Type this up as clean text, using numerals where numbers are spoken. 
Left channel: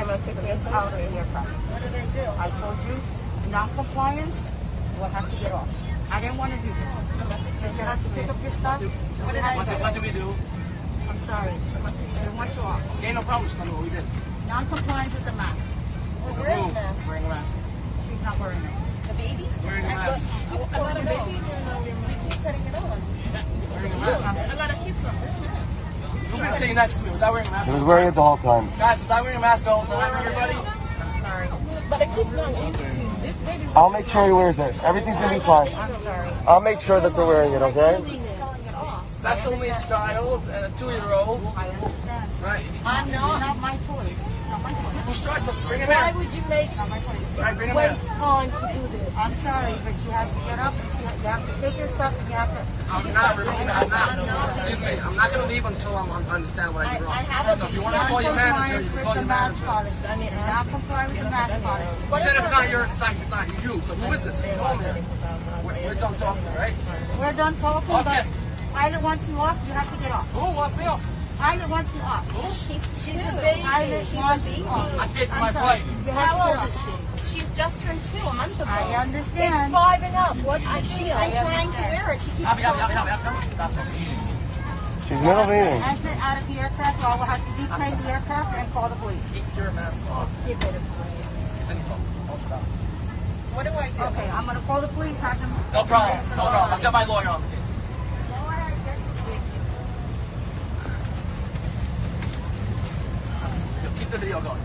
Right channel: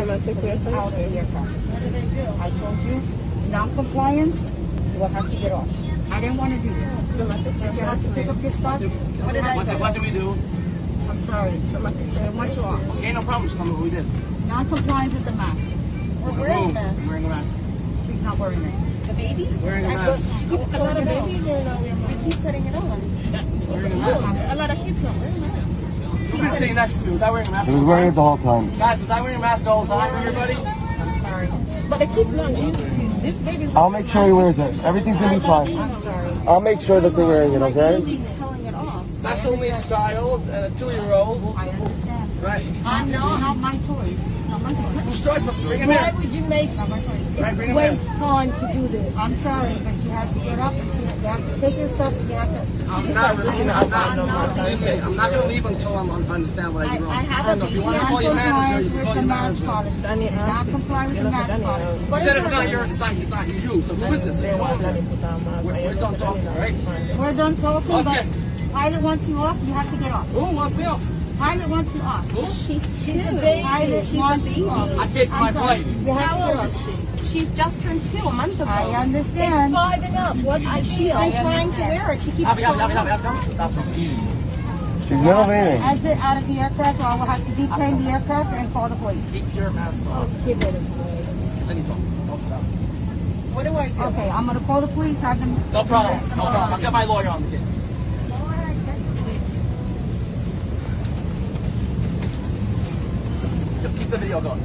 Domestic vehicle? Out of the aircraft. What did they do? I told you, non-compliance, you will have to get off. I didn't want to do this. Domestic You have to pick up your stuff. What did I do? What did we do? I'm sorry. I want you off. Okay, no problem. Just tell me what we did. Non-compliance with the mask. We're wearing masks. Wearing a mask. She's not wearing it. The baby? Wearing a mask. A lot of babies are not wearing We masks. keep putting it on. Wearing a mask. A lot of kids don't wear masks. Who's been sitting next to me? Was I wearing a mask? He was wearing it the whole time. Guys, was I wearing a mask all the time, everybody? I'm sorry. But the kids don't. This baby's I'll make sure he wears it. Everything's gonna be fine. I'm sorry. I'll make sure that they're wearing it, okay? He's pulling it off. Special needs child and a 2-year-old. I understand. Right. I'm not my choice. Whose choice? Bring him Why here. would you make Not my choice. Right, bring him waste here. time to do this? I'm sorry, but she has to get up and you have to take your stuff and you have to. I'm not going to leave until I understand what I did wrong. I have a- If you want to call your manager, you can call your mask manager. policy. I need to Not comply with the mask policy. You said it's not you, so who is this? We're done talking, right? We're done talking, Okay. but pilot wants you off, you have to get off. Who wants me off? Pilot wants you off. She's a baby. Pilot She's a wants baby. you off. I fixed my flight. You have to How get old off. is she? She's just turned 2 a month ago. I understand. It's 5 and up. What? She's been trying to wear it. She keeps Happy. She's never leaving. Exit out of the aircraft, all we'll have to do is claim the aircraft and call the police. Keep your mask on. Get rid of it. It's any problem. Don't stop. What do I do? Okay, I'm gonna call the police, have them. No problem. No problem. I'll get my lawyer on the case. Keep the video going.